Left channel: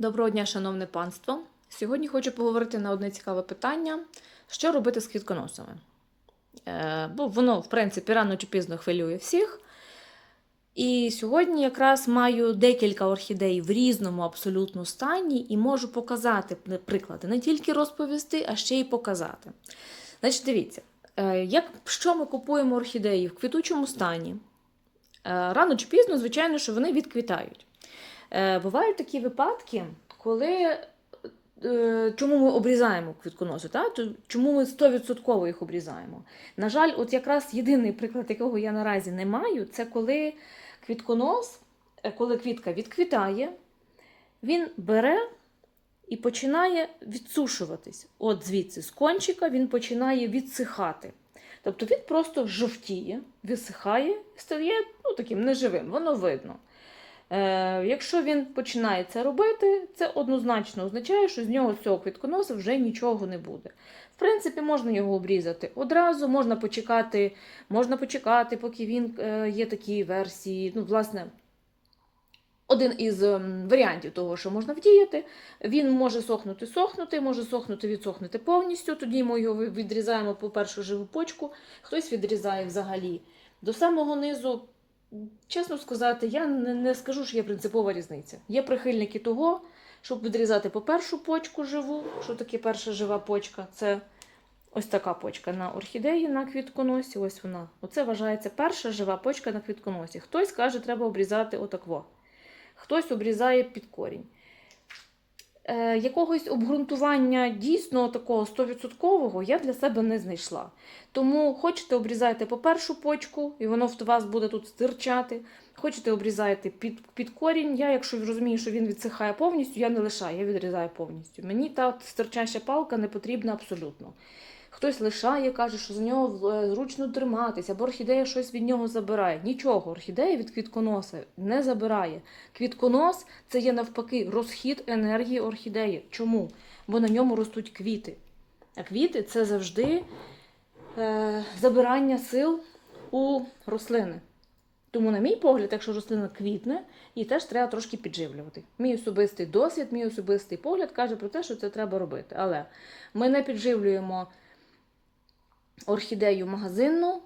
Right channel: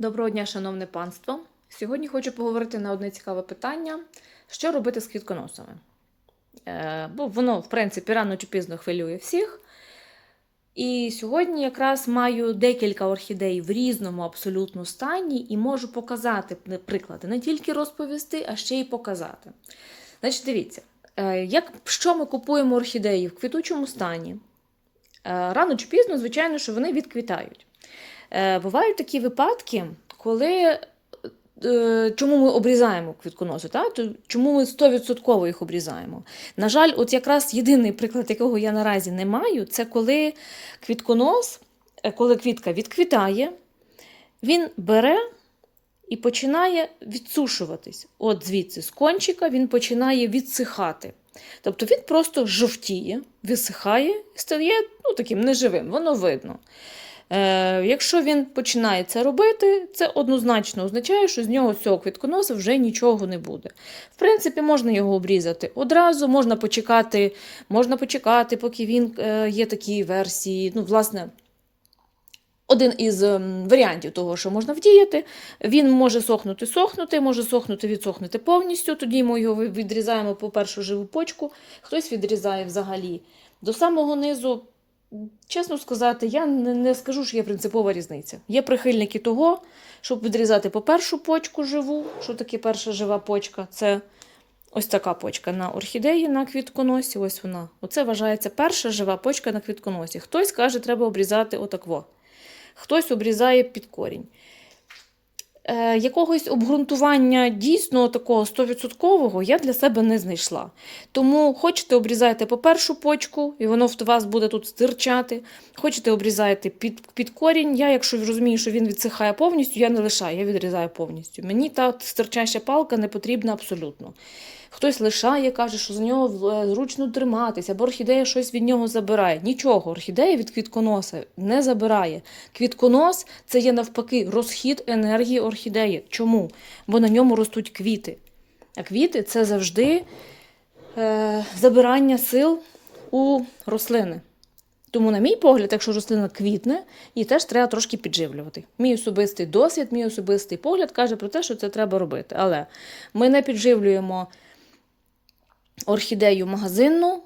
Доброго дня, шановне панство. Сьогодні хочу поговорити на одне цікаве питання: що робити з квітконосами? Е, бо воно, в принципі, рано чи пізно хвилює всіх. І сьогодні якраз маю декілька орхідей в різному абсолютно стані і можу показати приклади, не тільки розповісти, а ще й показати. Значить, дивіться, е, як, що ми купуємо орхідеї в квітучому стані? Е, Рано чи пізно, звичайно, що вони відквітають. Е, Бувають такі випадки, коли е, чому ми обрізаємо квітконоси, та? Чому ми 100% їх обрізаємо? На жаль, от якраз єдиний приклад, якого я наразі не маю, це коли квітконос, е, коли квітка відквітає, він бере і починає відсушуватись. От звідси, з кончика він починає відсихати. Тобто він просто жовтіє, висихає, стає ну, таким неживим, воно видно. Е, якщо він починає це робити, це однозначно означає, що з нього цього квітконоса вже нічого не буде. В принципі, можна його обрізати одразу, можна почекати, можна почекати, поки він е, є такі версії. Ну, власне, один із варіантів того, що можна вдіяти, він може сохнути, сохнути, може сохнути, відсохнути повністю. Тоді ми його відрізаємо по першу живу почку, хтось відрізає взагалі до самого низу. Чесно сказати, я не, скажу, що є принципова різниця. Є прихильники того, щоб відрізати по першу почку живу. Що таке перша жива почка? Це ось така почка на орхідеї на квітконосі. Ось вона. Оце вважається перша жива почка на квітконосі. Хтось каже, треба обрізати отакво. Хтось обрізає під корінь. Е, якогось обґрунтування дійсно такого 100% я для себе не знайшла. Тому хочете обрізайте по першу почку, і воно в вас буде тут стирчати. Хочете обрізайте під, під корінь. Я, якщо розумію, що він відсихає повністю, я не лишаю, я відрізаю повністю. Мені та стирчаща палка не потрібна абсолютно. Хтось лишає, каже, що з нього е, зручно триматися, або орхідея щось від нього забирає. Нічого, орхідея від квітконоса не забирає. Квітконос це є навпаки розхід енергії орхідеї. Чому? Бо на ньому ростуть квіти. А квіти це завжди е, забирання сил у рослини. Тому, на мій погляд, якщо рослина квітне, її теж треба трошки підживлювати. Мій особистий досвід, мій особистий погляд каже про те, що це треба робити. Але ми не підживлюємо орхідею магазинну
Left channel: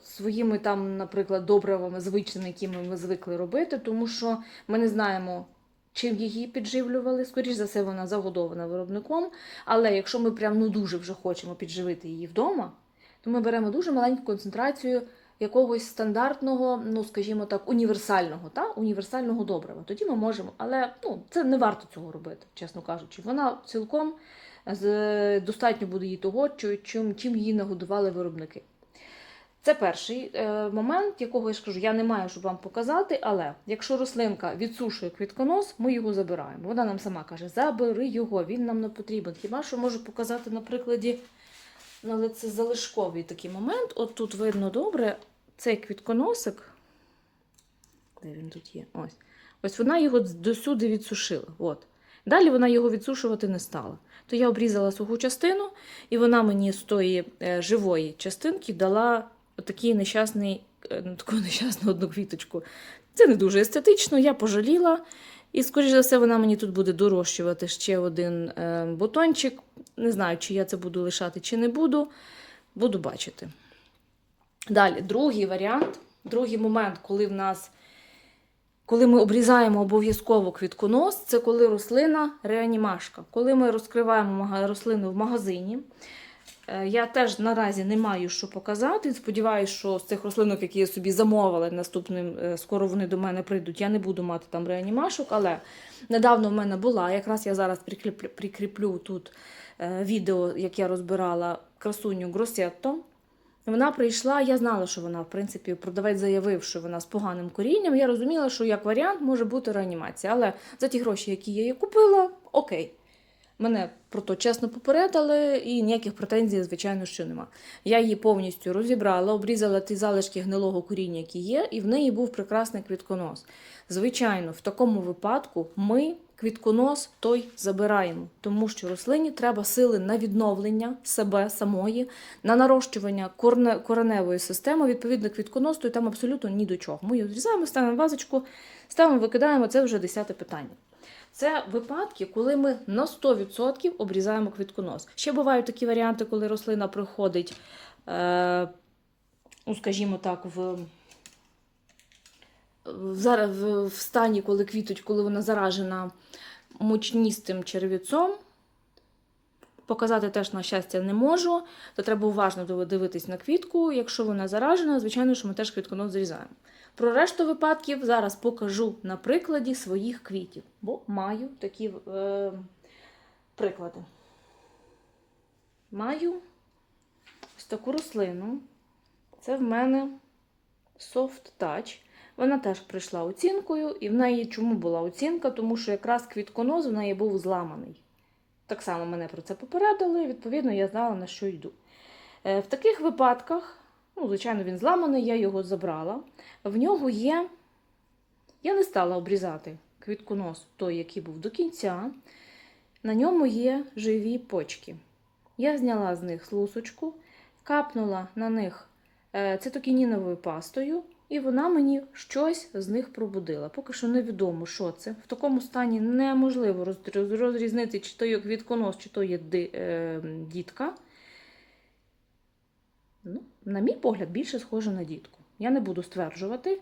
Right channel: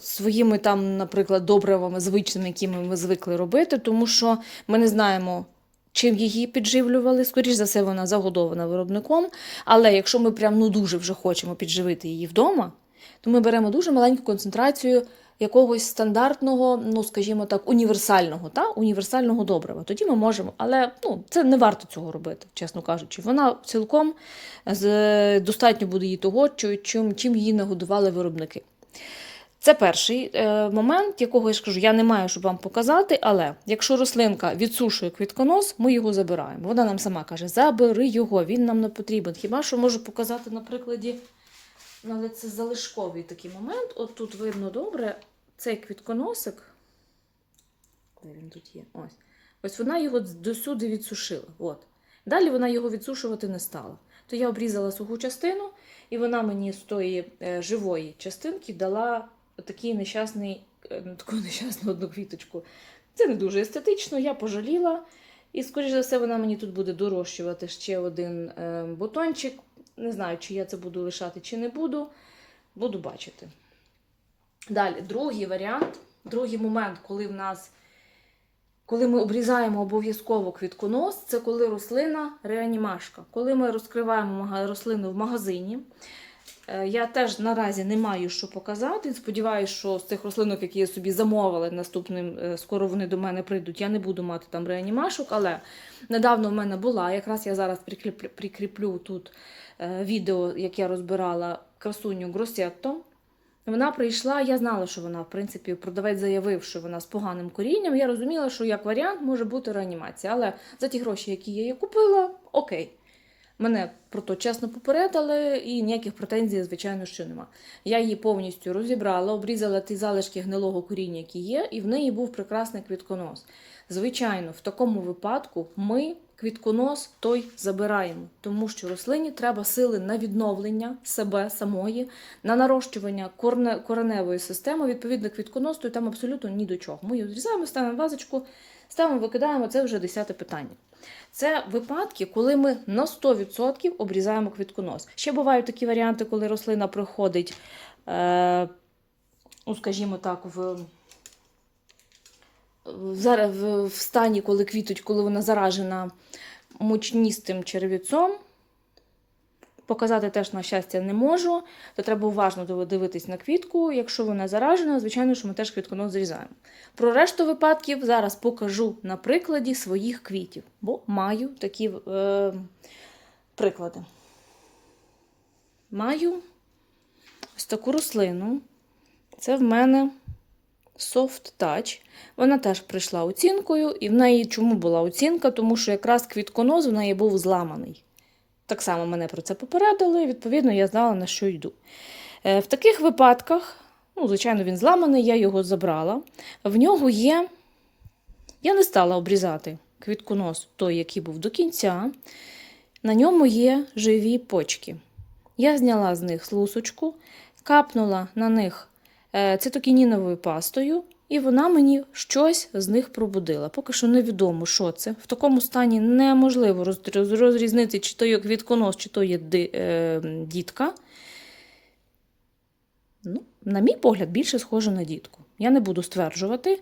своїми там, наприклад, добривами звичними, якими ми звикли робити, тому що ми не знаємо. Чим її підживлювали, скоріш за все, вона загодована виробником. Але якщо ми прям ну дуже вже хочемо підживити її вдома, то ми беремо дуже маленьку концентрацію якогось стандартного, ну скажімо так, універсального, та? універсального добрива. Тоді ми можемо, але ну, це не варто цього робити, чесно кажучи. Вона цілком з, достатньо буде їй того, чим, чим її нагодували виробники. Це перший е, момент, якого я ж кажу, я не маю, щоб вам показати, але якщо рослинка відсушує квітконос, ми його забираємо. Вона нам сама каже, забери його, він нам не потрібен. Хіба що можу показати на прикладі, ну, але це залишковий такий момент. От тут видно добре цей квітконосик. Де він тут є? Ось. Ось вона його досюди відсушила. От. Далі вона його відсушувати не стала. То я обрізала суху частину, і вона мені з тої е, живої частинки дала отакий нещасний, е, ну, таку нещасну одну квіточку. Це не дуже естетично, я пожаліла. І, скоріш за все, вона мені тут буде дорощувати ще один е, бутончик. Не знаю, чи я це буду лишати, чи не буду. Буду бачити. Далі, другий варіант, другий момент, коли в нас, коли ми обрізаємо обов'язково квітконос, це коли рослина реанімашка. Коли ми розкриваємо рослину в магазині. Е, Я теж наразі не маю що показати. Сподіваюся, що з цих рослинок, які я собі замовила наступним, е, скоро вони до мене прийдуть, я не буду мати там реанімашок, але недавно в мене була. Якраз я зараз прикріплю, тут е, відео, як я розбирала красуню Гросетто. Вона прийшла, я знала, що вона, в принципі, продавець заявив, що вона з поганим корінням. Я розуміла, що як варіант може бути реанімація. Але за ті гроші, які я її купила, окей. Мене про то чесно попередили, і ніяких претензій, звичайно, що нема. Я її повністю розібрала, обрізала ті залишки гнилого коріння, які є, і в неї був прекрасний квітконос. Звичайно, в такому випадку ми квітконос той забираємо, тому що рослині треба сили на відновлення себе самої, на нарощування кореневої системи. Відповідно, квітконос, то там абсолютно ні до чого. Ми її відрізаємо, ставимо вазочку, ставимо, викидаємо, це вже десяте питання. Це випадки, коли ми на 100% обрізаємо квітконос. Ще бувають такі варіанти, коли рослина приходить, е, ну, скажімо так, в, в, в стані, коли квітуть, коли вона заражена мучністим черв'яцом. Показати теж, на щастя, не можу, то треба уважно дивитись на квітку. Якщо вона заражена, звичайно, що ми теж квітконос зрізаємо. Про решту випадків зараз покажу на прикладі своїх квітів, бо маю такі е, приклади. Маю ось таку рослину. Це в мене Soft Touch. Вона теж прийшла оцінкою, і в неї чому була оцінка? Тому що якраз квітконос в неї був зламаний. Так само мене про це попередили, відповідно я знала, на що йду. Е, В таких випадках, ну, звичайно, він зламаний, я його забрала. В нього є. Я не стала обрізати квітконос, той, який був до кінця. На ньому є живі почки. Я зняла з них лусочку, капнула на них цитокініновою пастою, і вона мені щось з них пробудила. Поки що невідомо, що це. В такому стані неможливо роз- роз- розрізнити, чи то є квітконос, чи то є е, дітка. Ну, на мій погляд, більше схоже на дітку. Я не буду стверджувати.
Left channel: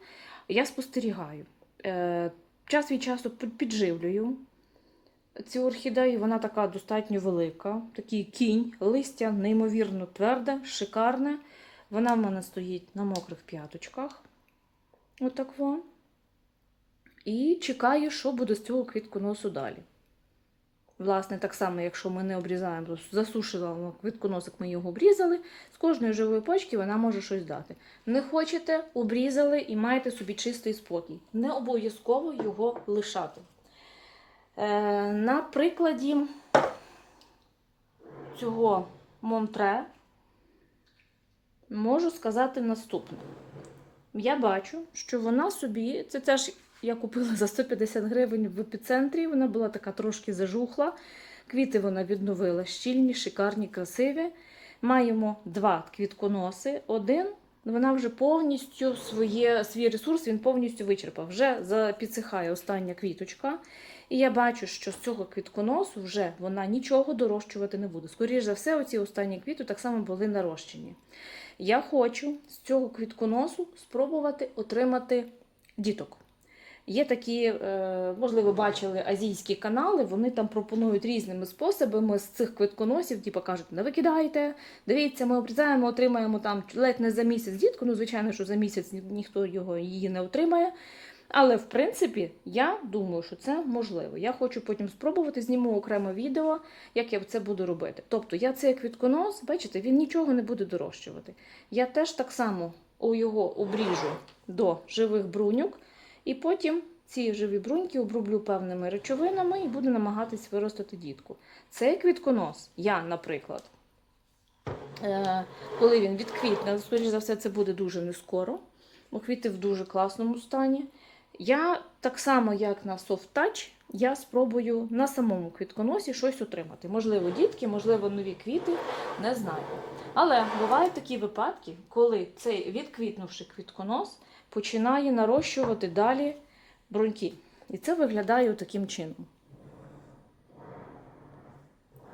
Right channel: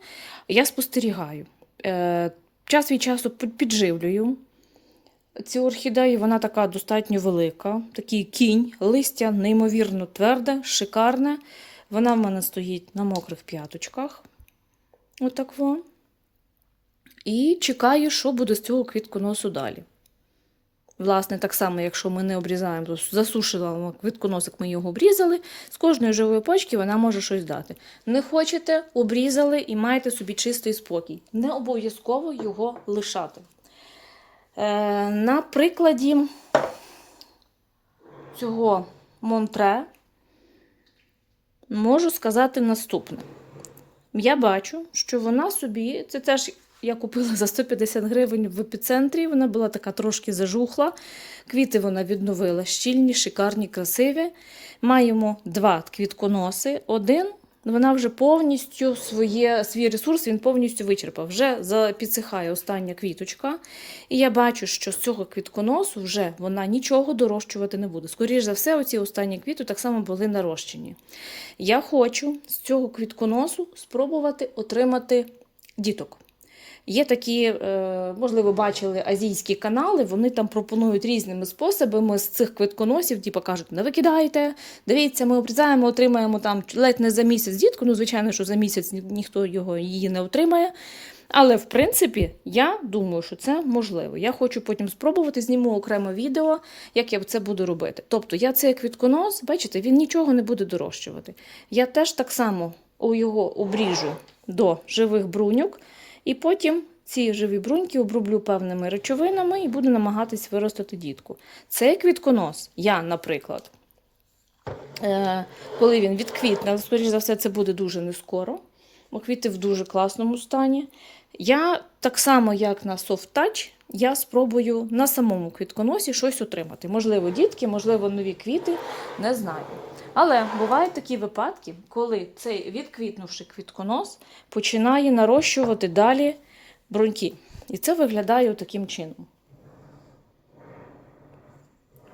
Я спостерігаю. Е, час від часу підживлюю цю орхідею. Вона така достатньо велика. Такий кінь, листя неймовірно тверде, шикарне. Вона в мене стоїть на мокрих п'яточках. Отак во. І чекаю, що буде з цього квітконосу далі. Власне, так само, якщо ми не обрізаємо, то засушила квітконосик, ми його обрізали. З кожної живої почки вона може щось дати. Не хочете, обрізали і маєте собі чистий спокій. Не обов'язково його лишати. Е, на прикладі цього Монтре можу сказати наступне. Я бачу, що вона собі, це теж я купила за 150 гривень в епіцентрі. Вона була така трошки зажухла. Квіти вона відновила щільні, шикарні, красиві. Маємо два квітконоси. Один вона вже повністю своє, свій ресурс він повністю вичерпав. Вже підсихає остання квіточка. І я бачу, що з цього квітконосу вже вона нічого дорощувати не буде. Скоріше за все, оці останні квіти так само були нарощені. Я хочу з цього квітконосу спробувати отримати діток. Є такі, е, можливо, бачили азійські канали, вони там пропонують різними способами з цих квитконосів, типу кажуть, не викидайте, дивіться, ми обрізаємо, отримаємо там ледь не за місяць дітку. Ну, звичайно, що за місяць ніхто його її не отримає. Але в принципі, я думаю, що це можливо. Я хочу потім спробувати, зніму окремо відео, як я це буду робити. Тобто, я цей квітконос, бачите, він нічого не буде дорощувати. Я теж так само у його обріжу до живих бруньок, і потім ці живі бруньки оброблю певними речовинами і буду намагатись виростити дітку. Цей квітконос, я, наприклад, е, коли він відквітне, але, скоріш за все, це буде дуже не скоро, бо квіти в дуже класному стані. Я так само, як на Soft Touch, я спробую на самому квітконосі щось отримати. Можливо, дітки, можливо, нові квіти, не знаю. Але бувають такі випадки, коли цей відквітнувши квітконос починає нарощувати далі бруньки. І це виглядає таким чином.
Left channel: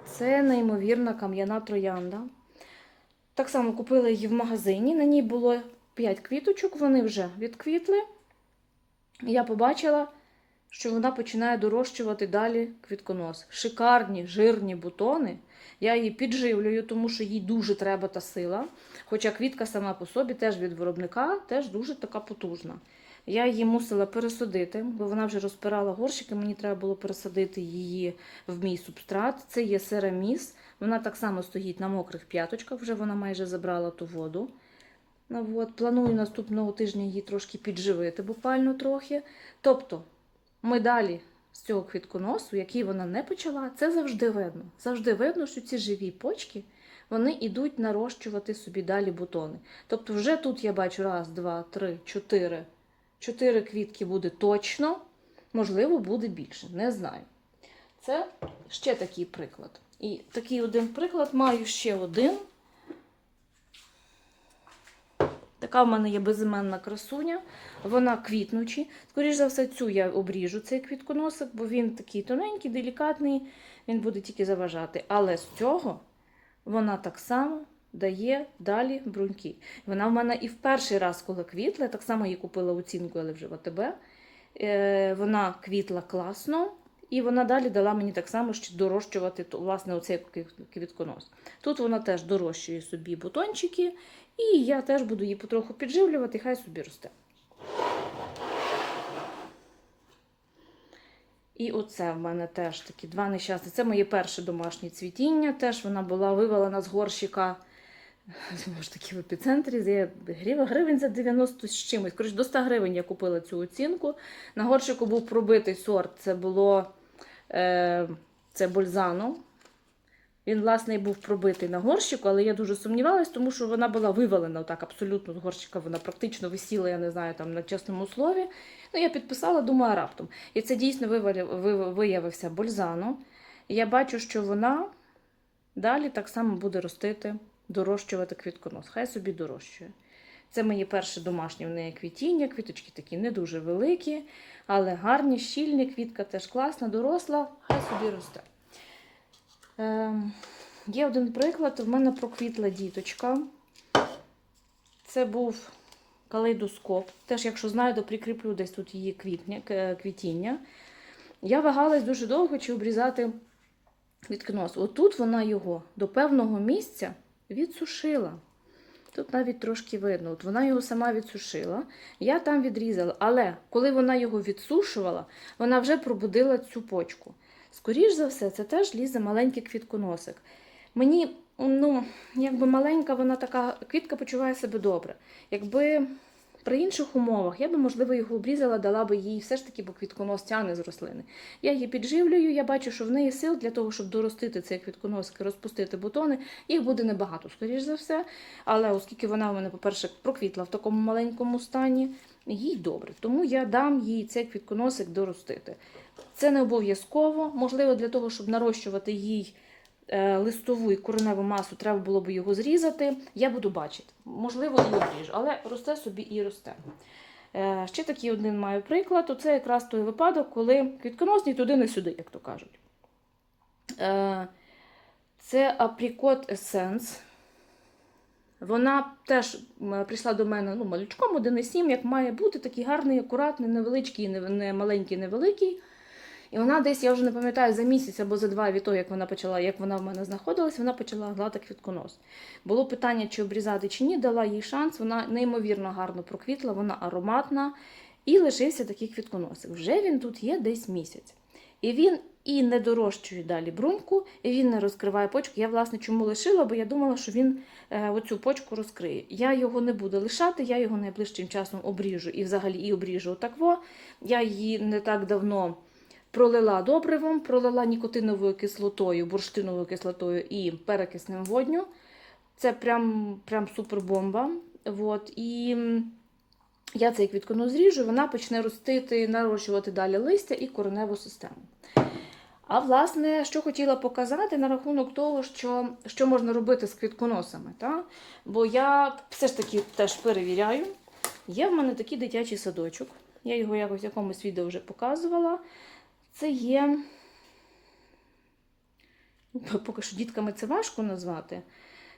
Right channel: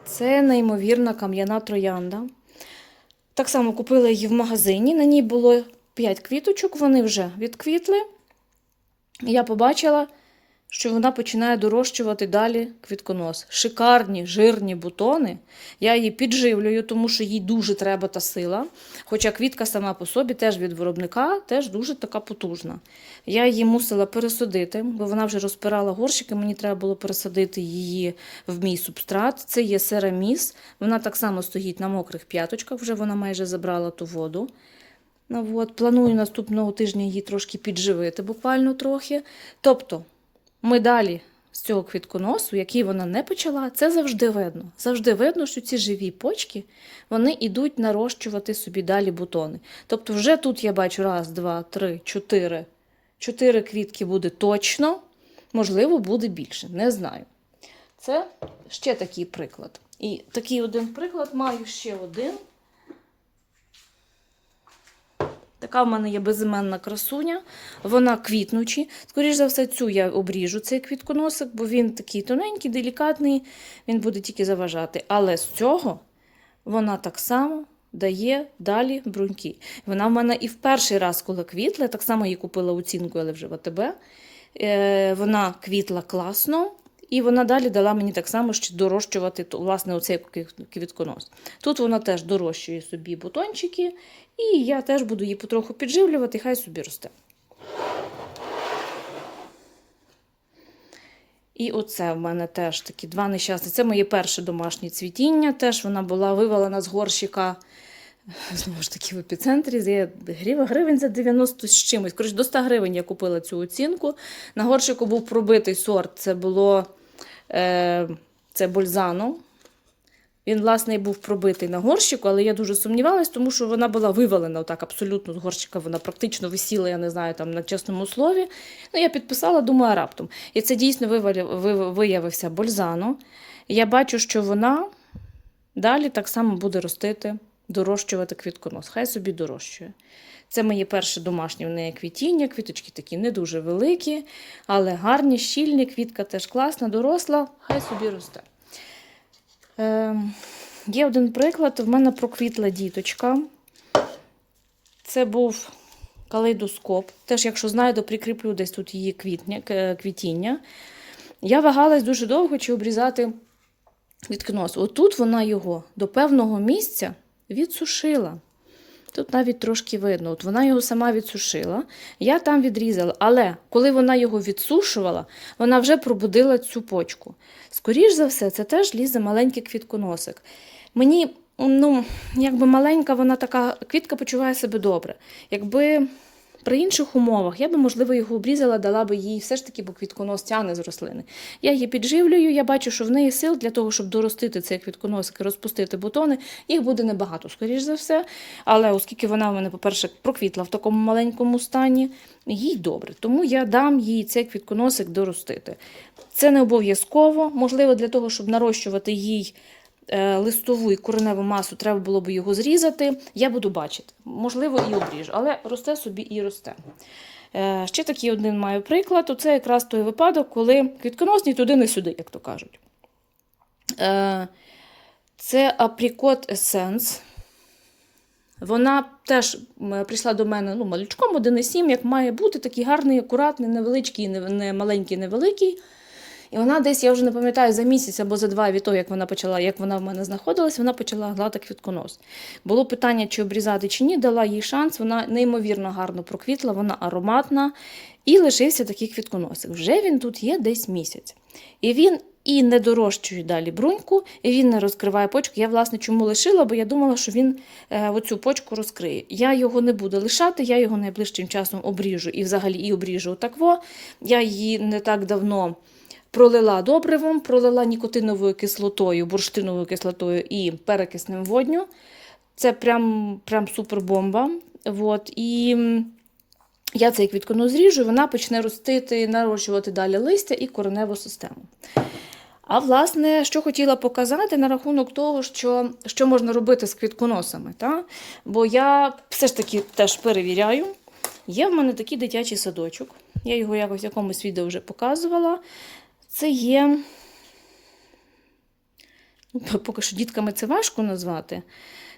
Це неймовірна кам'яна троянда. Так само купила її в магазині. На ній було 5 квіточок, вони вже відквітли. Я побачила, що вона починає дорощувати далі квітконос. Шикарні, жирні бутони. Я її підживлюю, тому що їй дуже треба та сила. Хоча квітка сама по собі теж від виробника теж дуже така потужна. Я її мусила пересадити, бо вона вже розпирала горщики, мені треба було пересадити її в мій субстрат. Це є сераміс. Вона так само стоїть на мокрих п'яточках, вже вона майже забрала ту воду. Ну, от, планую наступного тижня її трошки підживити, буквально трохи. Тобто, ми далі з цього квітконосу, який вона не почала, це завжди видно. Завжди видно, що ці живі почки вони йдуть нарощувати собі далі бутони. Тобто, вже тут я бачу раз, два, три, чотири. Чотири квітки буде точно, можливо, буде більше, не знаю. Це ще такий приклад. І такий один приклад маю ще один. Так Така в мене є безіменна красуня, вона квітнучі. Скоріше за все, цю я обріжу цей квітконосик, бо він такий тоненький, делікатний, він буде тільки заважати. Але з цього вона так само дає далі бруньки. Вона в мене і в перший раз, коли квітла, так само її купила оцінку, але вже в АТБ. Е, Вона квітла класно. І вона далі дала мені так само ще дорощувати власне, оцей квітконос. Тут вона теж дорощує собі бутончики, і я теж буду її потроху підживлювати, хай собі росте. І оце в мене теж такі два нещасні. Це моє перше домашнє цвітіння. Теж вона була вивалена з горщика. Знову ж таки, в епіцентрі за гривень за 90 з чимось. Коротше, до 100 гривень я купила цю оцінку. На горщику був пробитий сорт. Це було е, це Бользано. Він, власне, і був пробитий на горщику, але я дуже сумнівалась, тому що вона була вивалена отак абсолютно з горщика. Вона практично висіла, я не знаю, там на чесному слові. Ну, я підписала, думаю, раптом. І це дійсно виявився Бользано. Я бачу, що вона далі так само буде ростити, дорощувати квітконос. Хай собі дорощує. Це моє перше домашнє в неї квітіння. Квіточки такі не дуже великі, але гарні, щільні. Квітка теж класна, доросла, хай собі росте. Е, є один приклад. В мене проквітла діточка. Це був калейдоскоп. Теж, якщо знайду, прикріплю десь тут її квітня, квітіння. Я вагалась дуже довго, чи обрізати квітконос. Отут вона його до певного місця відсушила. Тут навіть трошки видно. От вона його сама відсушила. Я там відрізала. Але коли вона його відсушувала, вона вже пробудила цю почку. Скоріш за все, це теж лізе маленький квітконосик. Мені, ну, якби маленька, вона така квітка почуває себе добре. Якби при інших умовах я би, можливо, його обрізала, дала би їй все ж таки, бо квітконос тяне з рослини. Я її підживлюю, я бачу, що в неї сил для того, щоб доростити цей квітконосик розпустити бутони, їх буде небагато, скоріш за все. Але оскільки вона в мене, по-перше, проквітла в такому маленькому стані, їй добре. Тому я дам їй цей квітконосик доростити. Це не обов'язково, можливо, для того, щоб нарощувати їй листову і кореневу масу, треба було б його зрізати. Я буду бачити. Можливо, і обріжу, але росте собі і росте. Е, Ще такий один маю приклад. Оце якраз той випадок, коли квітконос ні туди, не сюди, як то кажуть. Е, Це априкот Essence. Вона теж прийшла до мене ну, малючком 1,7, як має бути, такий гарний, акуратний, невеличкий, не, не маленький, невеликий. І вона десь, я вже не пам'ятаю, за місяць або за два від того, як вона почала, як вона в мене знаходилась, вона почала гладити квітконос. Було питання, чи обрізати, чи ні, дала їй шанс. Вона неймовірно гарно проквітла, вона ароматна. І лишився такий квітконосик. Вже він тут є десь місяць. І він і не дорощує далі бруньку, і він не розкриває почку. Я, власне, чому лишила, бо я думала, що він е, оцю почку розкриє. Я його не буду лишати, я його найближчим часом обріжу і взагалі і обріжу отакво. Я її не так давно пролила добривом, пролила нікотиновою кислотою, бурштиновою кислотою і перекисним водню. Це прям, прям супер бомба. От. І я цей квіткону зріжу, вона почне ростити, нарощувати далі листя і кореневу систему. А власне, що хотіла показати на рахунок того, що, що можна робити з квітконосами. Та? Бо я все ж таки теж перевіряю. Є в мене такий дитячий садочок. Я його якось в якомусь відео вже показувала. Це є. ну, Поки що дітками це важко назвати.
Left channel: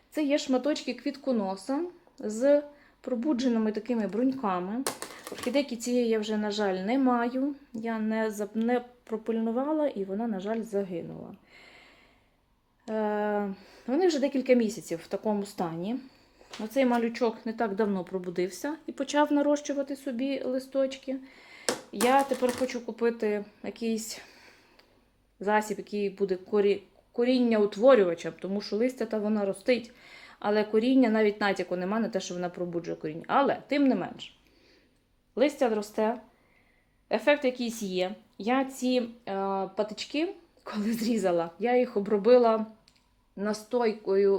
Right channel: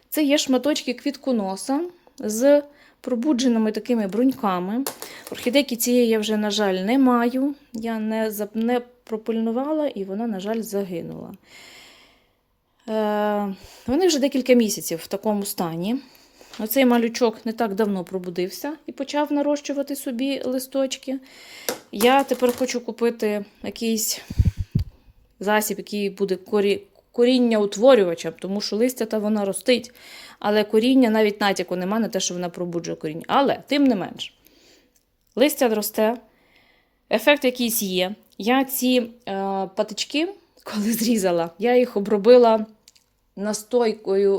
Це є шматочки квітконоса з пробудженими такими бруньками. Орхідейки цієї я вже, на жаль, не маю. Я не, не пропильнувала і вона, на жаль, загинула. Е, вони вже декілька місяців в такому стані. Оцей малючок не так давно пробудився і почав нарощувати собі листочки. Я тепер хочу купити якийсь засіб, який буде корі... коріння утворювачем, тому що листя та вона ростить, але коріння навіть натяку нема на те, що вона пробуджує коріння. Але тим не менш, листя росте, ефект якийсь є. Я ці е, патички, коли зрізала, я їх обробила настойкою,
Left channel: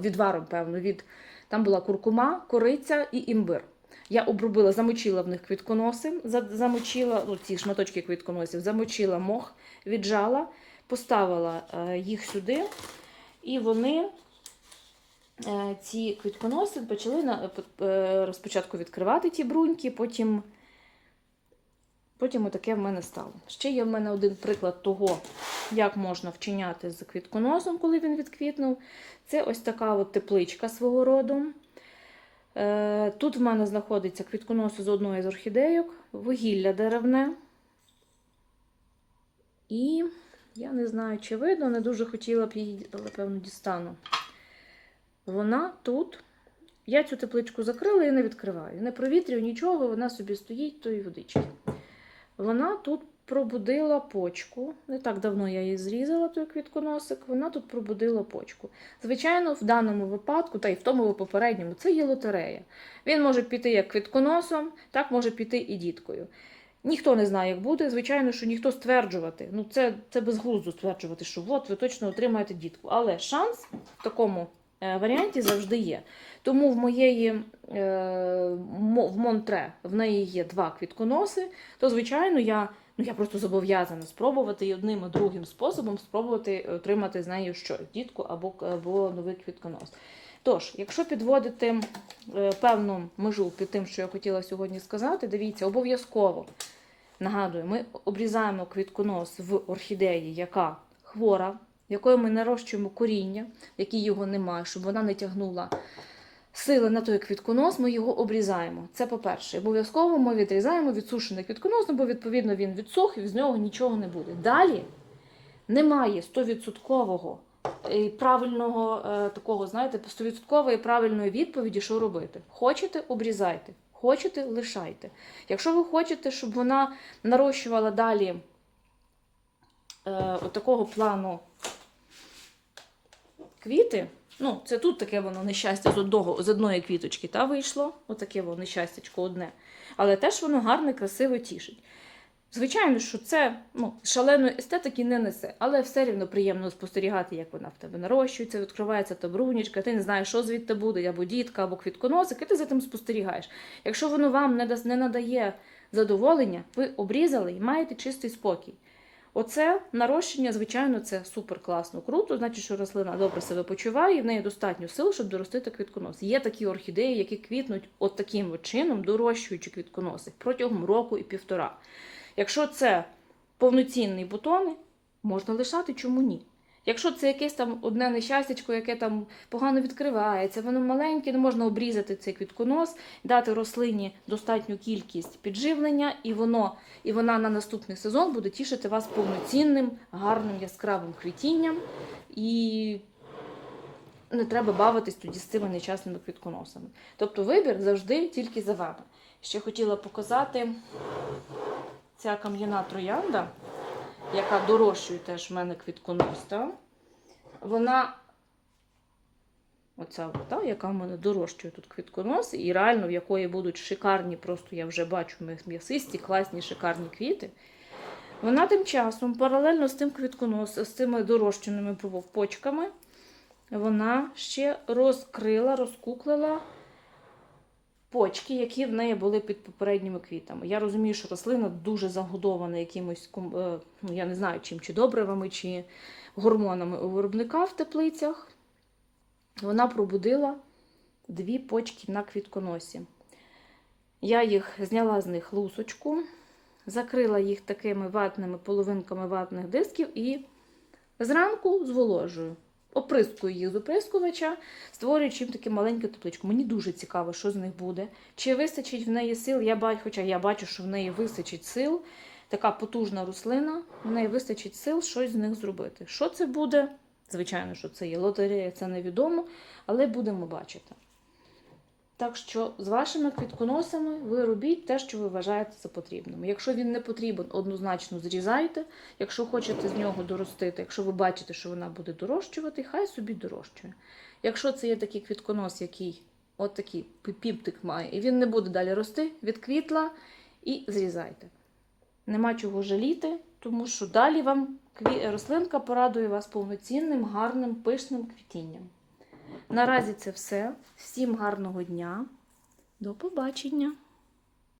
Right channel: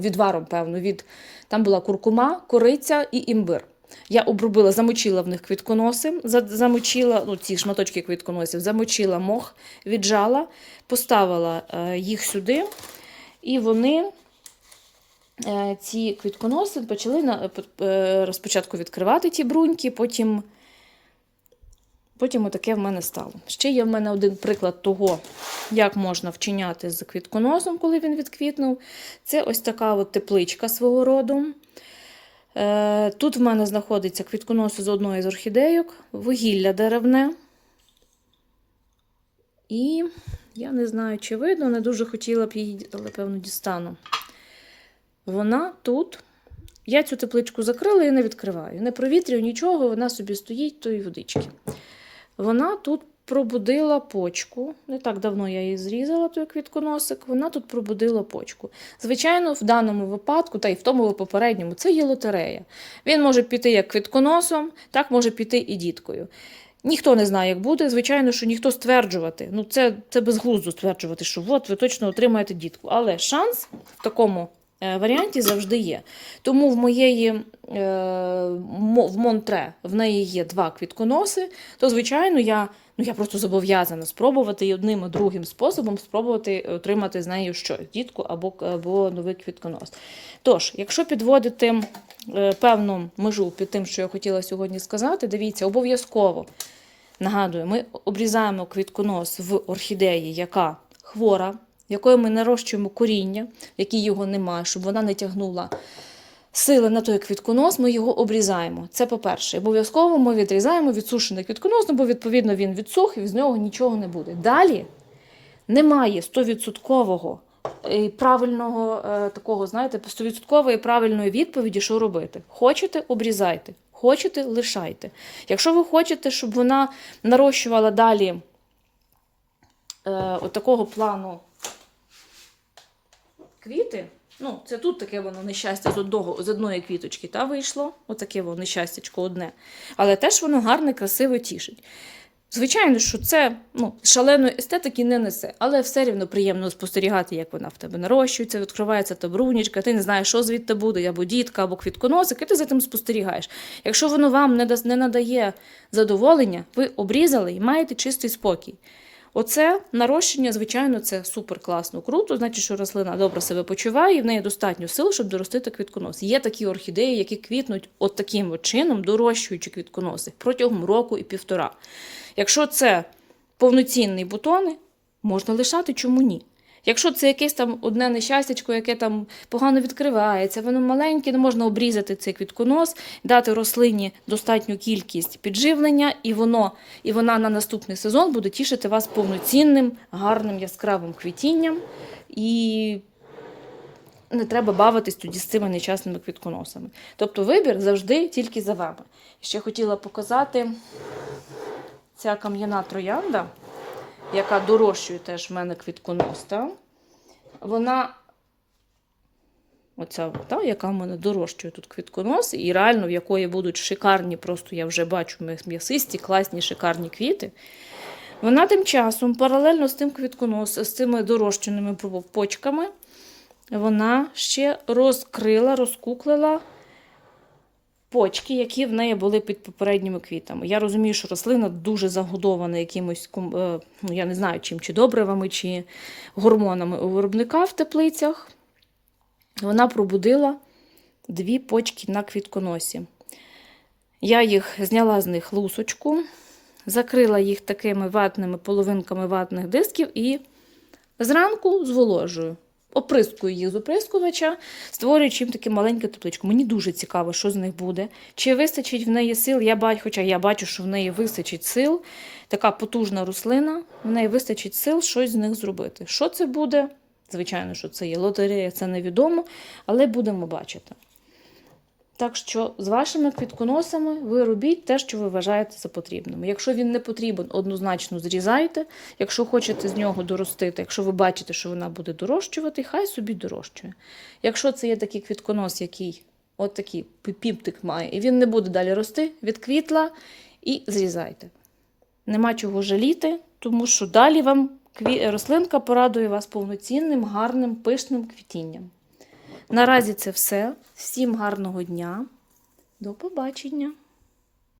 відваром, певно, від там була куркума, кориця і імбир. Я обробила, замочила в них квітконоси, замочила ну, ці шматочки квітконосів, замочила мох, віджала, поставила е, їх сюди, і вони е, ці квітконоси почали на, е, спочатку відкривати ті бруньки, потім, потім отаке в мене стало. Ще є в мене один приклад того, як можна вчиняти з квітконосом, коли він відквітнув. Це ось така от тепличка свого роду. Е, Тут в мене знаходиться квітконоси з одної з орхідейок, вугілля деревне. І я не знаю, чи видно, не дуже хотіла б її, але певно дістану. Вона тут. Я цю тепличку закрила і не відкриваю. Не провітрюю нічого, вона собі стоїть тої водички. Вона тут пробудила почку. Не так давно я її зрізала, той квітконосик. Вона тут пробудила почку. Звичайно, в даному випадку, та й в тому попередньому, це є лотерея. Він може піти як квітконосом, так може піти і діткою. Ніхто не знає, як буде. Звичайно, що ніхто стверджувати. Ну, це, це безглуздо стверджувати, що от ви точно отримаєте дітку. Але шанс в такому варіанті завжди є. Тому в моєї е, в Монтре в неї є два квітконоси, то, звичайно, я, ну, я просто зобов'язана спробувати одним і другим способом спробувати отримати з нею щось, дітку або, або новий квітконос. Тож, якщо підводити е, певну межу під тим, що я хотіла сьогодні сказати, дивіться, обов'язково нагадую, ми обрізаємо квітконос в орхідеї, яка хвора, якою ми нарощуємо коріння, в якій його немає, щоб вона не тягнула сили на той квітконос, ми його обрізаємо. Це по-перше. Обов'язково ми відрізаємо відсушений квітконос, ну, бо відповідно він відсух і з нього нічого не буде. Далі немає 100% і правильного е, такого, знаєте, 100% правильної відповіді, що робити. Хочете, обрізайте, хочете, лишайте. Якщо ви хочете, щоб вона нарощувала далі е, такого плану квіти, ну, це тут таке воно нещастя з, одного, з одної квіточки та вийшло, отаке воно нещастячко одне. Але теж воно гарне, красиво тішить. Звичайно, що це ну, шаленої естетики не несе, але все рівно приємно спостерігати, як вона в тебе нарощується, відкривається та брунічка, ти не знаєш, що звідти буде, або дітка, або квітконосик, і ти за тим спостерігаєш. Якщо воно вам не, надає задоволення, ви обрізали і маєте чистий спокій. Оце нарощення, звичайно, це супер класно, круто. Значить, що рослина добре себе почуває, і в неї достатньо сил, щоб доростити квітконос. Є такі орхідеї, які квітнуть от таким от чином, дорощуючи квітконоси протягом року і півтора. Якщо це повноцінні бутони, можна лишати, чому ні? Якщо це якесь там одне нещастячко, яке там погано відкривається, воно маленьке, не можна обрізати цей квітконос, дати рослині достатню кількість підживлення, і воно, і вона на наступний сезон буде тішити вас повноцінним, гарним яскравим квітінням. І не треба бавитись тоді з цими нещасними квітконосами. Тобто вибір завжди тільки за вами. Ще хотіла показати ця кам'яна троянда, яка дорощує теж в мене квітконос, та? вона, оця, та, яка в мене дорощує тут квітконос, і реально в якої будуть шикарні, просто я вже бачу м'ясисті, класні, шикарні квіти. Вона тим часом, паралельно з тим квітконос, з цими дорощеними почками, вона ще розкрила, розкуклила почки, які в неї були під попередніми квітами. Я розумію, що рослина дуже загодована якимось, е, ну, я не знаю, чим, чи добривами, чи гормонами у виробника в теплицях. Вона пробудила дві почки на квітконосі. Я їх зняла з них лусочку, закрила їх такими ватними половинками ватних дисків і зранку зволожую. Оприскую їх з оприскувача, створюючи їм таке маленьке тепличку. Мені дуже цікаво, що з них буде. Чи вистачить в неї сил? Я бачу, хоча я бачу, що в неї вистачить сил. Така потужна рослина, в неї вистачить сил щось з них зробити. Що це буде? Звичайно, що це є лотерея, це невідомо, але будемо бачити. Так що з вашими квітконосами ви робіть те, що ви вважаєте за потрібним. Якщо він не потрібен, однозначно зрізайте. Якщо хочете з нього доростити, якщо ви бачите, що вона буде дорощувати, хай собі дорощує. Якщо це є такий квітконос, який от такий пімптик має, і він не буде далі рости, відквітла і зрізайте. Нема чого жаліти, тому що далі вам рослинка порадує вас повноцінним, гарним, пишним квітінням. Наразі це все. Всім гарного дня. До побачення!